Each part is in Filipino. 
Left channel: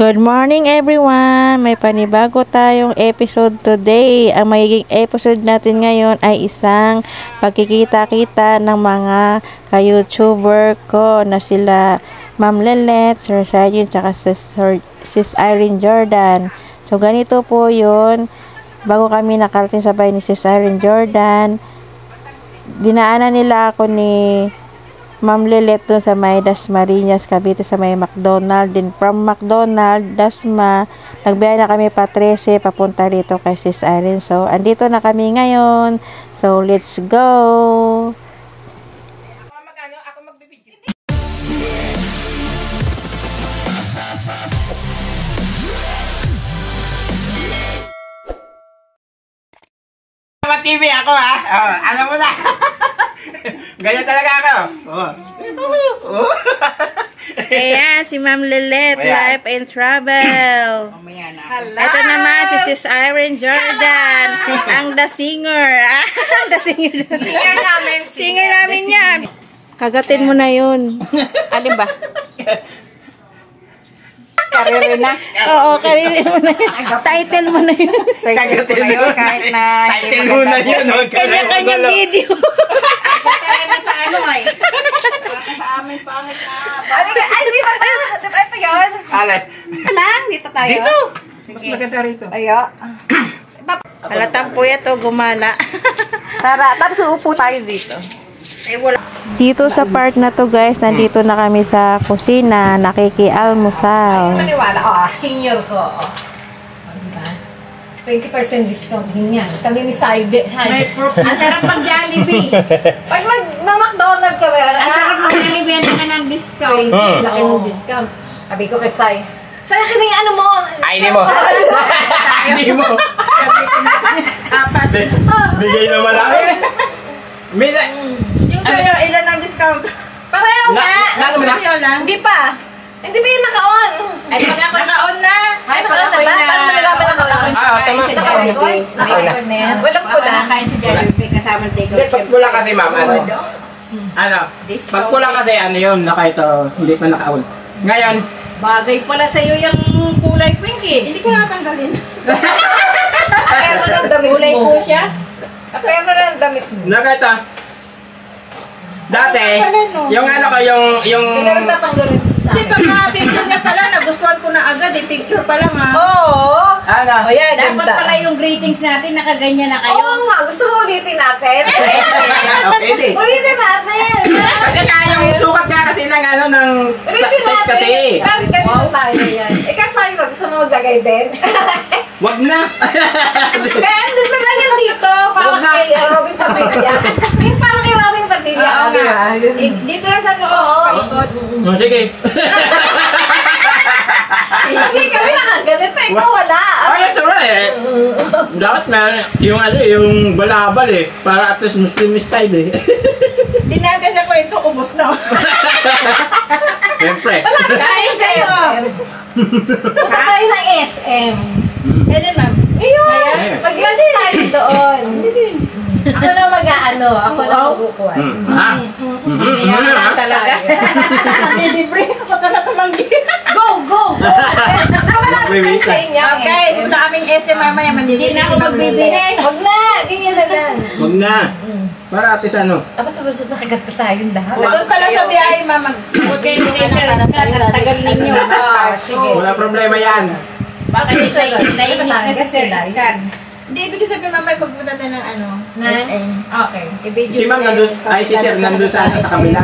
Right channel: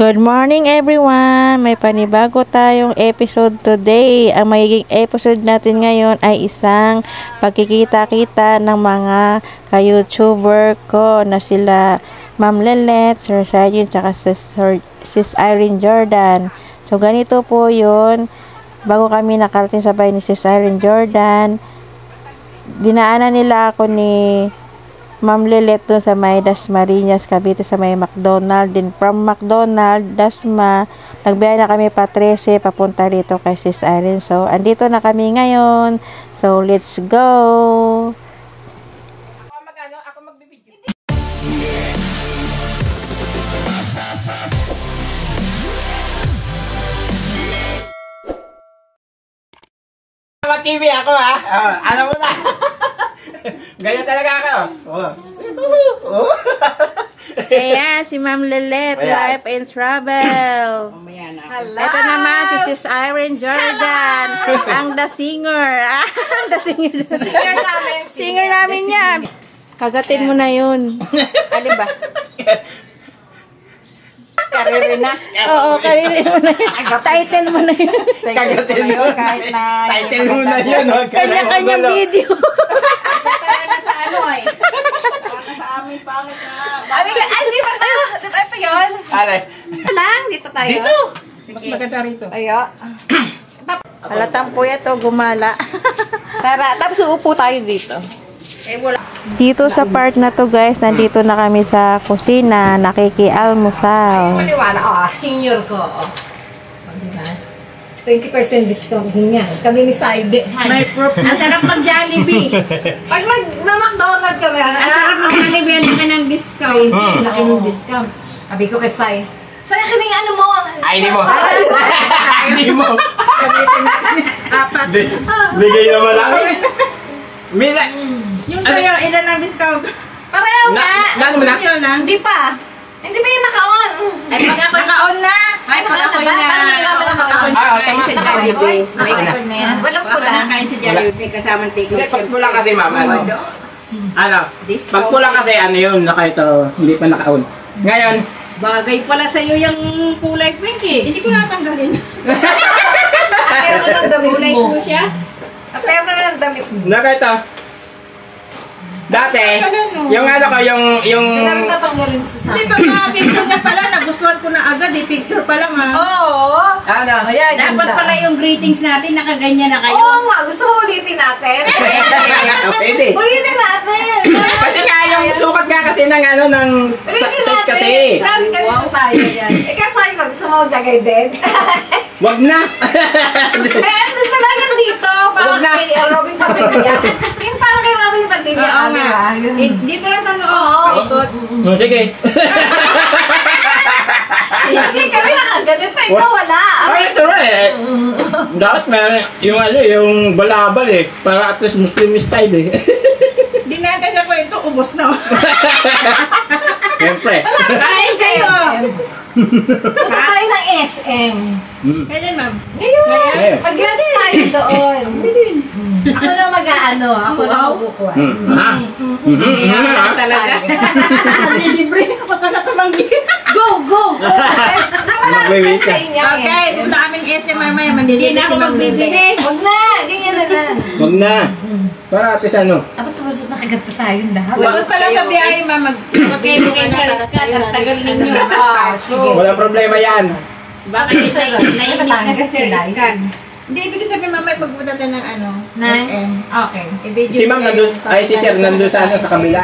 Good morning everyone! May panibago tayong episode today. Ang magiging episode natin ngayon ay isang pagkikita-kita ng mga ka-YouTuber ko na sila Ma'am Lelet, Sir Sajin, tsaka Sis Irene Jordan. So ganito po yun. Bago kami nakarating sa bahay ni Sis Irene Jordan, dinaanan nila ako ni Ma'am Lelet doon sa may Dasmariñas, Cavite, sa may McDonald. Din from McDonald, Dasma, nagbiyahe na kami pa 13 papunta dito kay Sis Irene. So, andito na kami ngayon. So, let's go! Ako magbibigay. TV ako ha. Oh, alam mo na. Ganyan talaga ako. Oh. Ayan, si Ma'am Lelet, Life and Travel. Ito naman si Sis Irene Jordan, ang The Singer. The Singer. Singer namin yan. Kagatin mo na yun. Alin ba? Karere na. Oo, karere mo na yun. Title mo na yun. Kagatin mo yun. Kahit na. Title mo na yun. Kanya-kanyang video. Kaya na sa ano ay. Sa amin pangit na. Ay, di ba tayo? Ito yun. Alay. Dito tayo. Dito. Mas maganda rito. Ayo. Halatang po to, gumala. Tara, tapos uupo tayo dito. Dito sa part na to guys, nandito na kami sa kusina, nakikialmusal. Maniwala, senior ko. 20% discount din yan. Kami ni Saibe. Ang sarap mag-Jollibee. Pag mag-McDonald kami, Ang sarap mag-Jollibee. Ang laki ng discount. laki ng discount. Sabi ko kay Sai, Sai, ka yung ano mo? Ay, hindi mo. Hindi mo. Apat. Bigay naman ako. Yung sa'yo, ilan ang discount? Pareho nga. Ano mo na? Hindi pa. Hindi ba yung naka-on? Ay, pag ako naka-on na. Ay, naka-on na ba? Paano mo nalaman naka-on? Tama. Naka-record? Naka-record na yan. Walang pula. Nakain si Jollibee kasama ng take-out. Pag pula kasi, ma'am, ano? Pag pula kasi, ano yun, ito, hindi pa naka-on. Ngayon, Bagay pala sa'yo yung kulay pink eh. Hindi ko natanggalin. Pero mo ng damit Kulay mo. po siya. Pero mo ng damit mo. nakita, dati, yung ano ko, yung... Hindi na rin tatanggalin sa Hindi pag na-picture niya pala, nagustuhan ko na agad eh. Picture pa lang ha. Oo. Ano? Ayan, Dapat ganda. pala yung greetings natin, nakaganyan na kayo. Oo nga, gusto mo ulitin natin? Pwede. Ulitin natin. Kasi nga, yung sukat nga kasi ng ano, ng Ulitin size kasi. natin. Ganito tayo yan. Ikaw sa'yo, gusto mo maglagay din? Wag na. Eh, andun pa lang yan dito. Parang Huwag na. kay Robin Padilla. Yung parang kay Robin Padilla. Oo nga. Diba? Dito lang sa loob. Oo. Paikot. Oh, sige. Kasi kami nakaganit na, ikaw wala. Ay, ito rin eh. Dapat meron yung ano, yung balabal eh. Para at least Muslim style eh. Hindi natin sa kwento, ubos na. Siyempre. Kain kayo. Punta tayo ng SM. Pwede ma'am. Ayun, Eh. mag-lunch tayo doon. Ako na mag-ano, ako na mag-ukuan. Ha? Kaya lang talaga. Libre ako na tumanggi. Go, go, go. Wala naman sa inyo. Okay, punta kaming SM mamaya. Hindi na ako magbibigay. Huwag na, ganyan na lang. Wag na. Para at least ano. Tapos nakaganto tayong lahat. Doon pala sa biyahe, ma'am. Huwag kayo ng ano para sa iyo. Tagal ninyo. Sige. Wala problema yan. Baka yung sa'yo, naiinip na sa service card. Hindi, ibig sabihin mamaya pagpunta tayo ng ano, SM. Okay. I-video Si ma'am nandun, ay si sir nandun sa ano, sa kabila.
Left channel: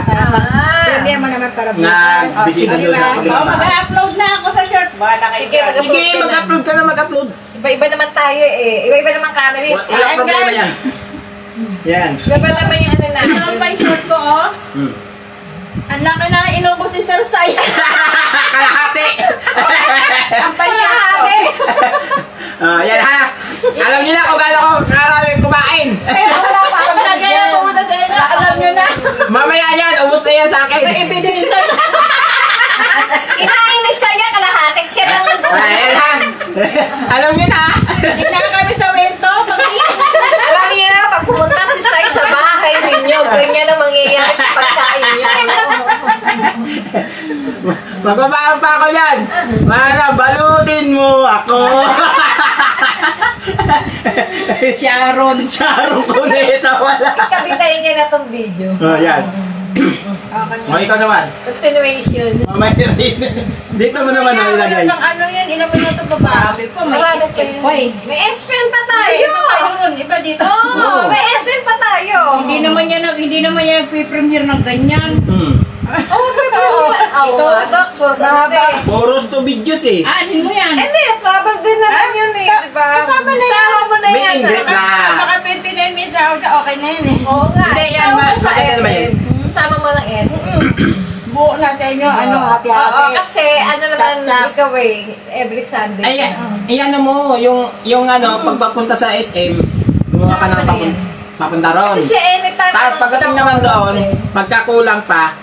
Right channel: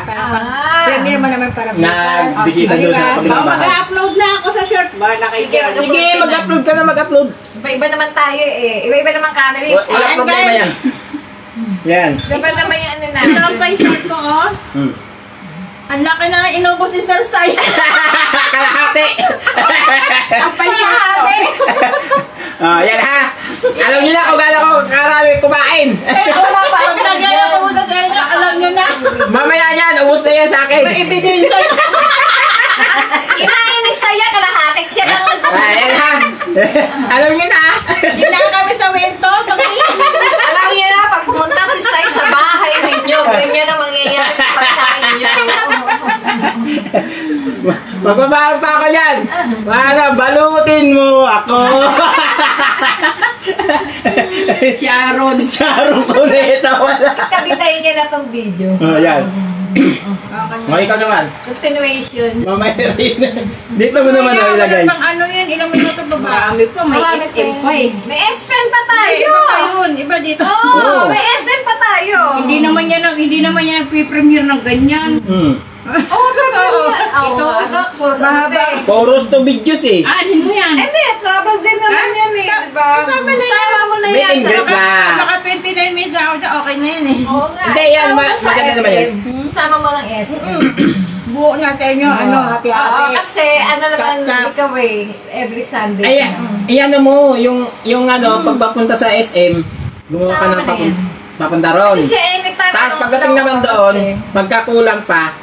Premiere mo naman para Nag-bisita doon sa kabila. Mag-upload na ako sa short. Baka kayo. Sige, mag-upload ka na, mag-upload. Iba-iba naman tayo eh. Iba-iba naman kanari. Wala problema yan. Yan. Iba naman yung ano Ito natin. lang pa yung short ko, oh. Ang laki na inubos ni Star Sai. Kalahati. Ang palihati. Yan ha. Alam niyo na kung gaano ko karami kumain. Wala pa. Pag nagyaya pumunta sa inyo, alam nyo na. Mamaya yan, ubus na yan sa akin. May ebidensya. Kinain ni Saya kalahati. Siya lang Yan ha. Alam niyo na. Hindi na kami sa wento. Alam niyo na, pag pumunta si Sai sa bahay ninyo, ganyan ang mangyayari sa pagkain niyo. Magbabayad pa ako yan. Para balutin mo ako. Sharon. Sharon Cuneta wala. Kabitayin niya na tong video. Oh, yan. O, ikaw naman. Continuation. Mamaya rin. Dito mo naman ang ilagay. Wala pang ano yan, ilang minuto ba? Marami pa, may SM pa eh. May SM pa tayo! Iba pa yun, iba dito. Oo, may SM pa tayo! Hindi naman yan nagpipremiere ng ganyan. Oo, Ito, mahaba. Poros to videos eh. Anin mo yan. Hindi, travel din naman yan eh, di ba? Kasama na yan. Sama mo na Meet yan. and greet na. Baka 29 minutes na okay na yan eh. Oo nga. Hindi, yan, Sama mo sa bakit naman yan? SM. Sama mo ng SM. Buo natin yung happy Oo, happy. kasi ano naman ikaw eh, every Sunday. Ayan mo, yung ano, pagpapunta sa SM, gumawa ka Sama ng na yan. papunta ron. Kasi siya anytime. Tapos pagdating naman doon, pagkakulang pa,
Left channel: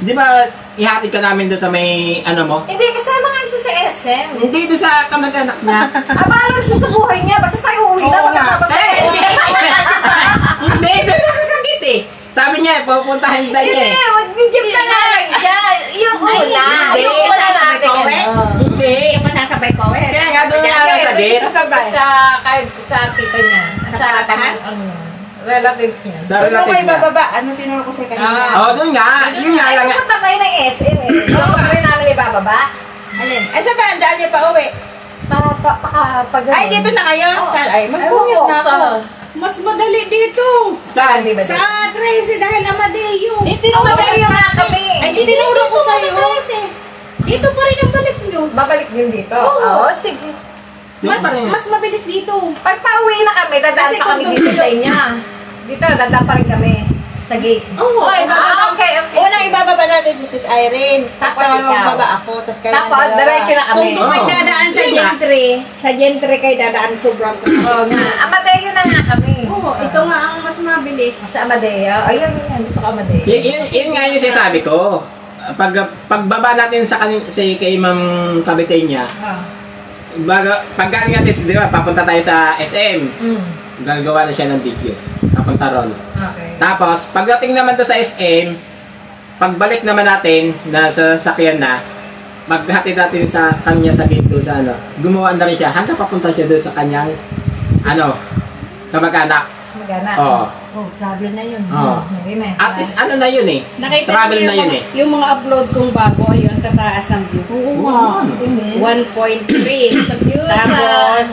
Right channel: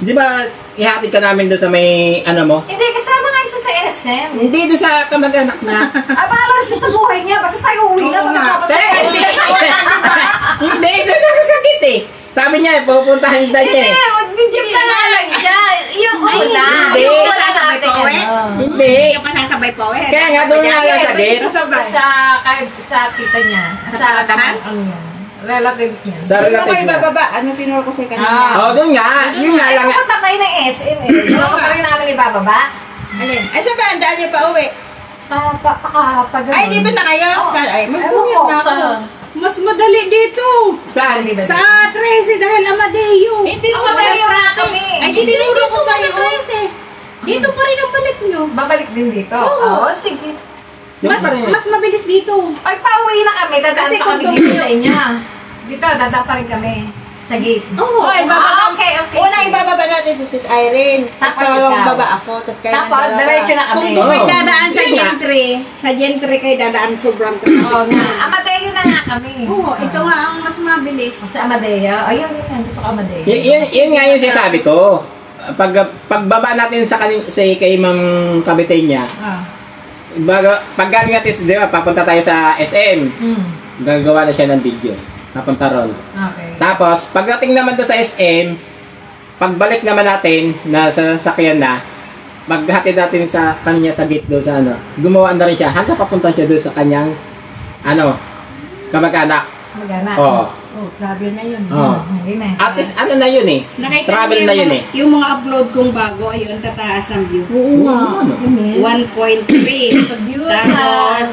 di ba ihatid ka namin doon sa may ano mo? Hindi, kasama nga isa sa SM. Hindi doon sa kamag-anak niya. Abala siya sa buhay niya, basta tayo uwi na Oo nga. pagkasama sa SM. Hindi, doon nakasakit eh. Sabi niya, pupuntahan tayo Hindi, eh. mag-video ka na lang siya. Yung una, hindi. yung una natin. Hindi. Yung pasasabay pa eh. Kaya nga doon nga nakasakit. Sa tita niya. Sa relatives niya. Sa Ano relative kayo na. bababa? Anong tinuro ko sa'yo kanina? Oh, doon nga. Yun nga Ay, lang. pupunta tayo ng SM eh. Doon pa rin namin ibababa. Alin? Ay, sa ba? Daan niyo pa uwi? Pag Ay, dito na kayo? Ay, mag-bumit na ako. Mas madali dito. Saan? Sa 13 dahil Amadeo. Eh, tinuro Amadeo na kami. Ay, tinuro ko sa'yo. Dito pa rin ang balik nyo. Babalik din dito. Oo. Oo, sige. Mas mabilis dito. Pag pauwi na kami, dadaan Kasi pa kami kung dito tumayo- sa inyo. Dito, dadaan pa rin kami. Sa gate. Oo. Ay, bababa. Okay. Unang ibababa natin si Sis Irene. Tapos pangalawang ikaw. baba ako. Tapos kayo Tapos, ang dalawa. diretso na kami. Kung doon kayo Oo. dadaan sa Yun nga. gentry, sa gentry kayo dadaan sobrang Oo nga. Amadeo na nga kami. Oo, ito nga ang mas mabilis. Sa Amadeo. Ayun, yan. Sa Amadeo. Yun nga yung sinasabi ko. Pagbaba natin sa kay Ma'am Kabitay niya, pag galing natin, di ba, papunta tayo sa SM. Gagawa na siya ng video. Papunta ron. Okay. Tapos, pagdating naman doon sa SM, pagbalik naman natin na sa sasakyan na, maghatid natin sa kanya sa gate doon sa ano. Gumawa na rin siya hanggang papunta siya doon sa kanyang ano, kamag-anak. Magana. Oo. Oh, travel na yun. Oo. Hindi na. At least ano na yun eh. Nakita Travel niyo na yun eh. yung mga upload kong bago, ayun, tataas ang view. Oo nga. 1.3. Sa views. Tapos,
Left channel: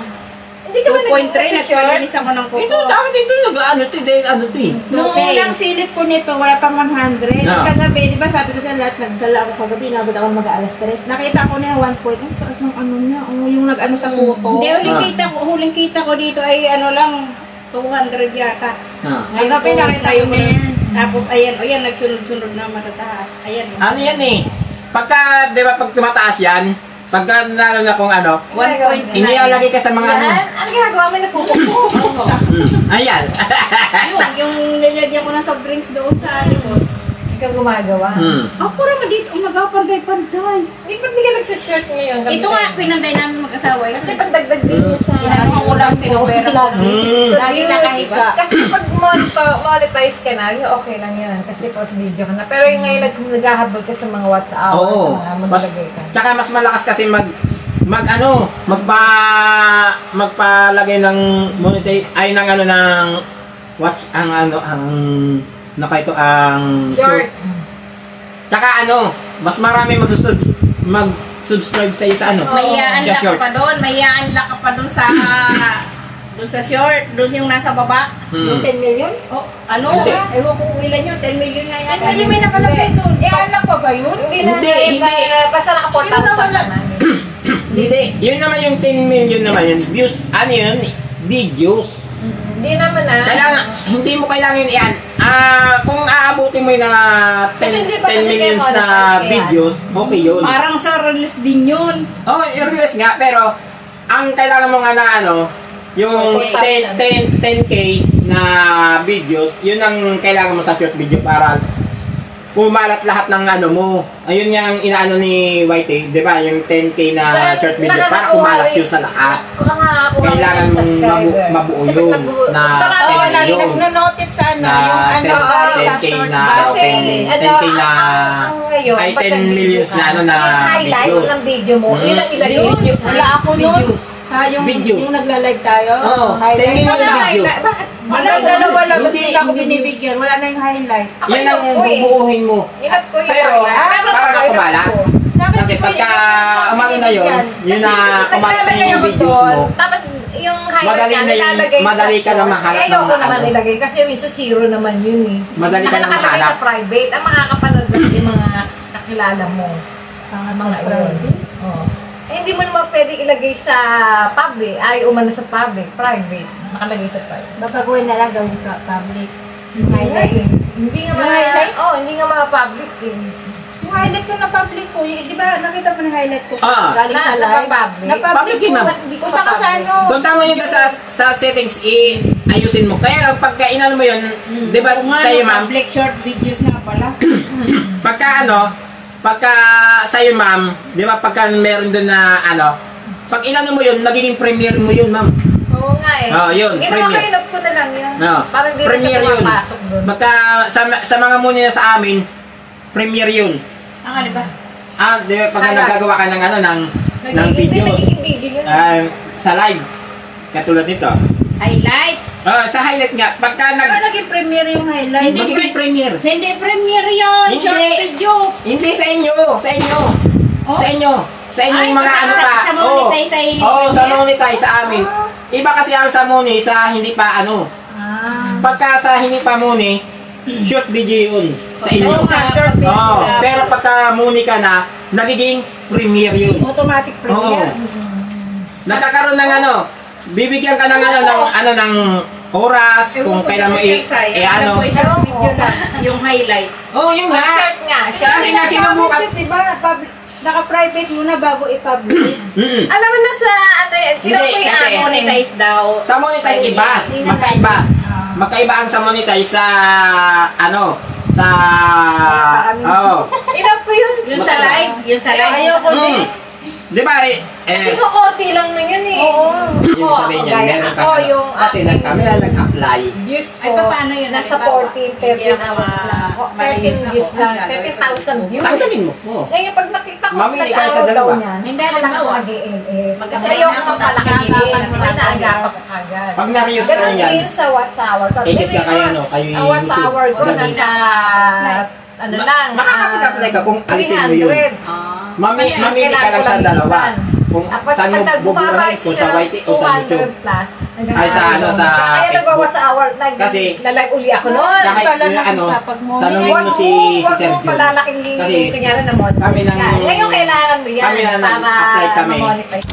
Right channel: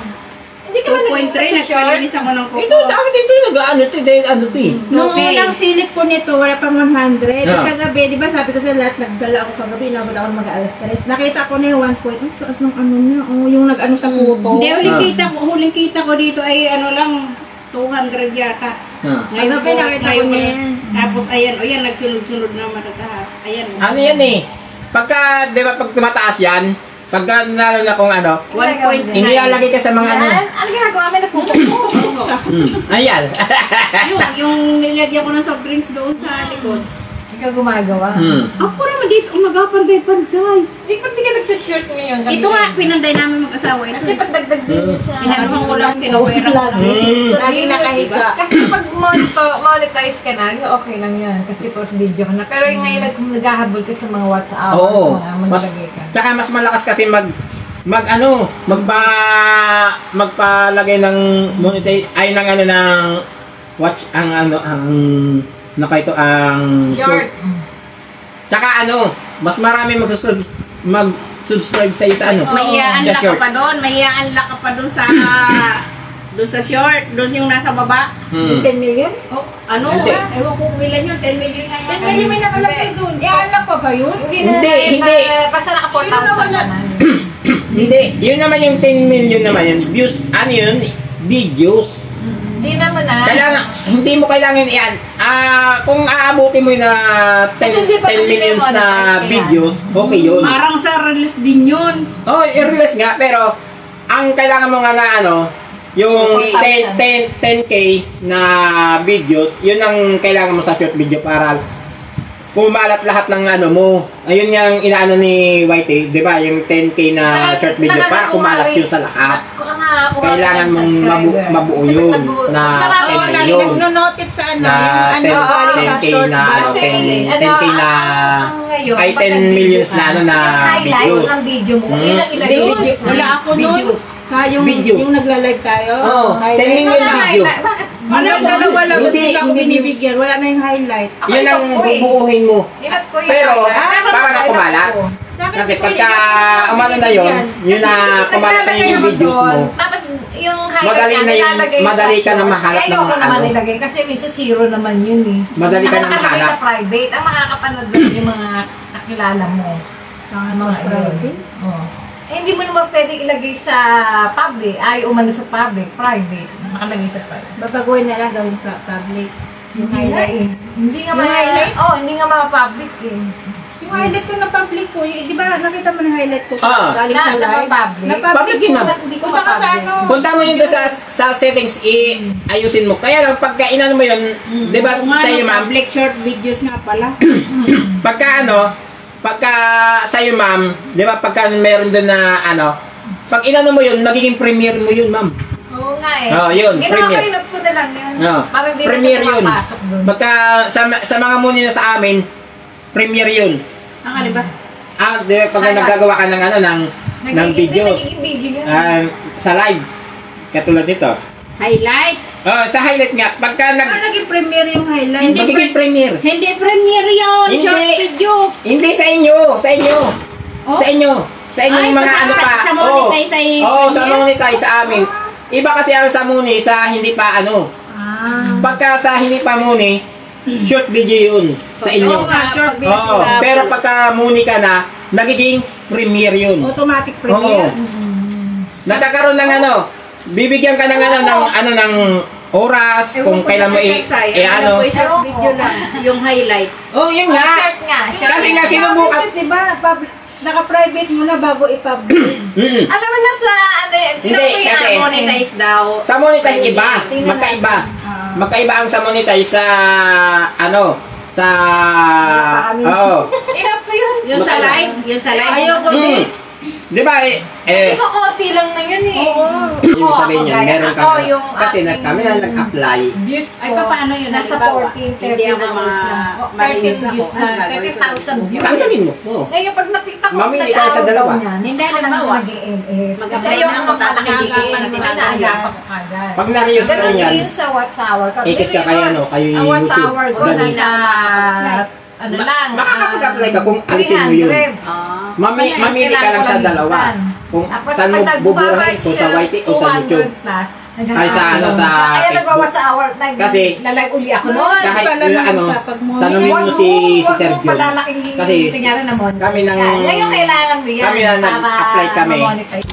Hindi ka ba 2.3, nagpalinis ako ng kuko. Ito, dapat ito yung nag-ano ito, dahil ano ito eh. Nung unang silip ko nito, wala pang 100. Ah. Kagabi, di ba sabi ko sa lahat, nagdala ako kagabi, inabot ako ng mag-alas 3. Nakita ko na yung 1 point. Ang taas ng ano niya, yung nag-ano sa kuko. Hindi, huling kita ko dito ay ano lang, 200 yata. Kagabi nakita ko na yan. Tapos ayan, ayan, nagsunod-sunod na matataas. Ayan. Ano yan eh. Pagka, di ba, pag tumataas yan, pagka nalala na kung ano, 1.9. inilalagay ka sa mga ano. Yan. Ano ginagawa mo? Nagpupukpuk. Ayan. yung nilagyan ko ng soft drinks doon sa likod. Ikaw gumagawa. Ako naman dito, umagaw-panday-panday. Hindi pa hindi ka nagsashirt ngayon. Ito nga, pinanday namin mag-asawa. Ito. Kasi pagdagdag din niya sa... Tinanong ko lang, tinawera ko. Lagi nakahiga. Kasi pag monetize ka na, yun okay lang yun. Kasi post video ka na. Pero yung ngayon naghahabol ka sa mga WhatsApp, Oo. sa mga maglagay ka. Tsaka mas malakas kasi magpalagay ng monetize, ay ng ano ng watch, ang ano, ang nakaito ang Short. Tsaka ano, mas marami mag-subscribe sa isa ano. May sa iaan ka short. pa doon. May iaan ka pa doon sa... doon sa short. Doon yung nasa baba. Hmm. 10 million? Oh, ano? Hindi. Ewan ko kung ilan yun. 10 million nga yan. 10 million may nakalapit doon. Iaan pa ba yun? Hindi. Basta naka 4,000 na. Hindi, yun naman yung 10 million naman yun. Views, ano yun? Videos. Hindi naman na. Kailangan, hindi mo kailangan yan. Kung aabutin mo yung na 10 millions na videos, okay yun. Parang sa release din yun. Oh, i-release nga, pero ang kailangan mo nga na ano, yung 10K na videos, yun ang kailangan mo sa short video para pumalat lahat ng ano mo. Ayun yung inaano ni Whitey, di ba? Yung 10K na short video para kumalat yun sa lahat. Nakakuha kailangan ng mong subscriber. mabuo Kasi yun pag na marami Oo, 10 million. nagno-notice sa ano, Na yung ano, 10K galing sa 10K short na, ba? Kasi, 10K na, ngayon, ay pag 10 millions na ano na yung highlight videos. ng video mo, Hmm. yun ang ilagay News, video. wala ako nun. Videos. Ha, yung Video. nagla-live tayo. Oo, 10 million Wala video. highlight. Bakit? Wala, dalawa lang. Hindi, Hindi ako hindi. binibigyan. Wala na yung highlight. Ako Yan ang ito ko eh. bubuuhin mo. Nilat ko yung Pero, highlight. parang highlight kumala. ko. Sa akin, Kasi sige, pagka hindi ko umano na yun, binibigyan. yun na Kasi kumalat na naglalagay yung ako videos doon, mo. tapos yung highlight Madali niya, na yung- nilalagay madali sa ka na short. mahanap Eh, ayoko ng naman ano. ilagay kasi minsan zero naman yun eh. Madali ka na Nakalagay mahanap. sa private. Ang makakapanood doon yung mga kakilala mo. Ang mga private? Oh. Eh, hindi mo naman pwede ilagay sa public. Ay, umano sa public. Private. Nakalagay sa private. Babaguhin na lang gawin public. Yung highlight. Hindi nga Yung highlight? hindi nga ma-public eh. Yung highlight ko ng public ko, di ba nakita mo na highlight ko galing sa Nasa live? public? Na public Public din, ko. ma'am. Hindi ko Punta ka sa ma-public. ano. Punta mo yun doon sa settings, ayusin mo. Kaya lang, pagka inano mo yun, di ba Kung sa'yo ano, ma'am, public short videos nga pala. pagka sa'yo ma'am, di ba pagka meron doon na ano, pag inano mo yun, magiging premiere mo yun ma'am. Oo nga eh. Oh, yun, Ginawa premier. ko inop ko na lang yun. No. Parang di na Premiere siya yun. pumapasok doon. Pagka sa mga muni na sa amin, premiere yun. Di ba? Di ba pagka Highlight. nagagawa ka ng ano, ng video. Nagiging video yun. Sa live. Katulad nito. Highlight. Sa highlight nga, pagka Ano naging premiere yung highlight? magiging premiere. Hindi premiere yun. Hindi. Short video. Hindi sa inyo, sa inyo. Oh. Sa inyo. Sa inyo Ay, yung mga sa- ano pa. sa monetize ay Oo, sa premiere? monetize sa amin. Iba kasi ang sa muni, sa hindi pa ano. Pagka sa hindi pa muni, short video yun sa inyo. Oo nga, short video. Oo, pero pagka muni ka na, nagiging premiere yun. Automatic Oo. premiere. Nagkakaroon ng ano, bibigyan ka ng ng oras kung kailan mo ano. Short video lang. Yung highlight. Oh, yun nga. Short nga. Short. Kasi nga sinubukan. Diba, naka-private muna bago i-publish. Alam mo na sa ano, sino Hindi, ko yung kasi- Monetize daw. Sa monetize iba, Tingnan magkaiba. Magkaiba ang sa monetize sa ano, sa Inop ko yun. Yung sa live. Yung sa live. Ayoko Mm. din. Di ba Kasi kukunti lang na yun eh. yung sabihin niya, meron pa. Ako yung Kasi kami na nag-apply. views ko. Ay, paano yun? Nasa Halimbawa, 14, hindi 13 ako hours lang. ma-release 13 ako. views Ang lang. gagawin ko. 13,000 views. Tanggalin mo. Oo. Ngayon, pag nakita ko, Mamili ka sa nag-araw dalawa. daw niyan. Hindi, Saan halimbawa. ako mag-ELS? Kasi Mag-apply yung na ako, mga malaki tagagapan mo lang nag-aagapan ko kagad. Pag na-reuse na Ganun yan, din sa watch hour ko. ikis ka kayo, no? Kayo yung Ang watch YouTube. hour ko, Ganun. nasa ano lang. Makakapag-apply ka kung alisin mo yun. 300. Mamili ka lang sa dalawa. Kung Tapos saan mo pag buburahin, nagbabas kung sa YT o sa YouTube. 200 plus. Ay, sa ano, sa Kaya Facebook. nagwa-watch hour, Kasi- nalag uli ako noon. Kahit pala na nang ano, sa pagmumili. tanongin mo si Huwag Sir mong Jun. palalaking Kasi tingnan na monetize kami nang- ka. Ngayon kailangan mo yan kami na nag-apply para kami. ma-monetize.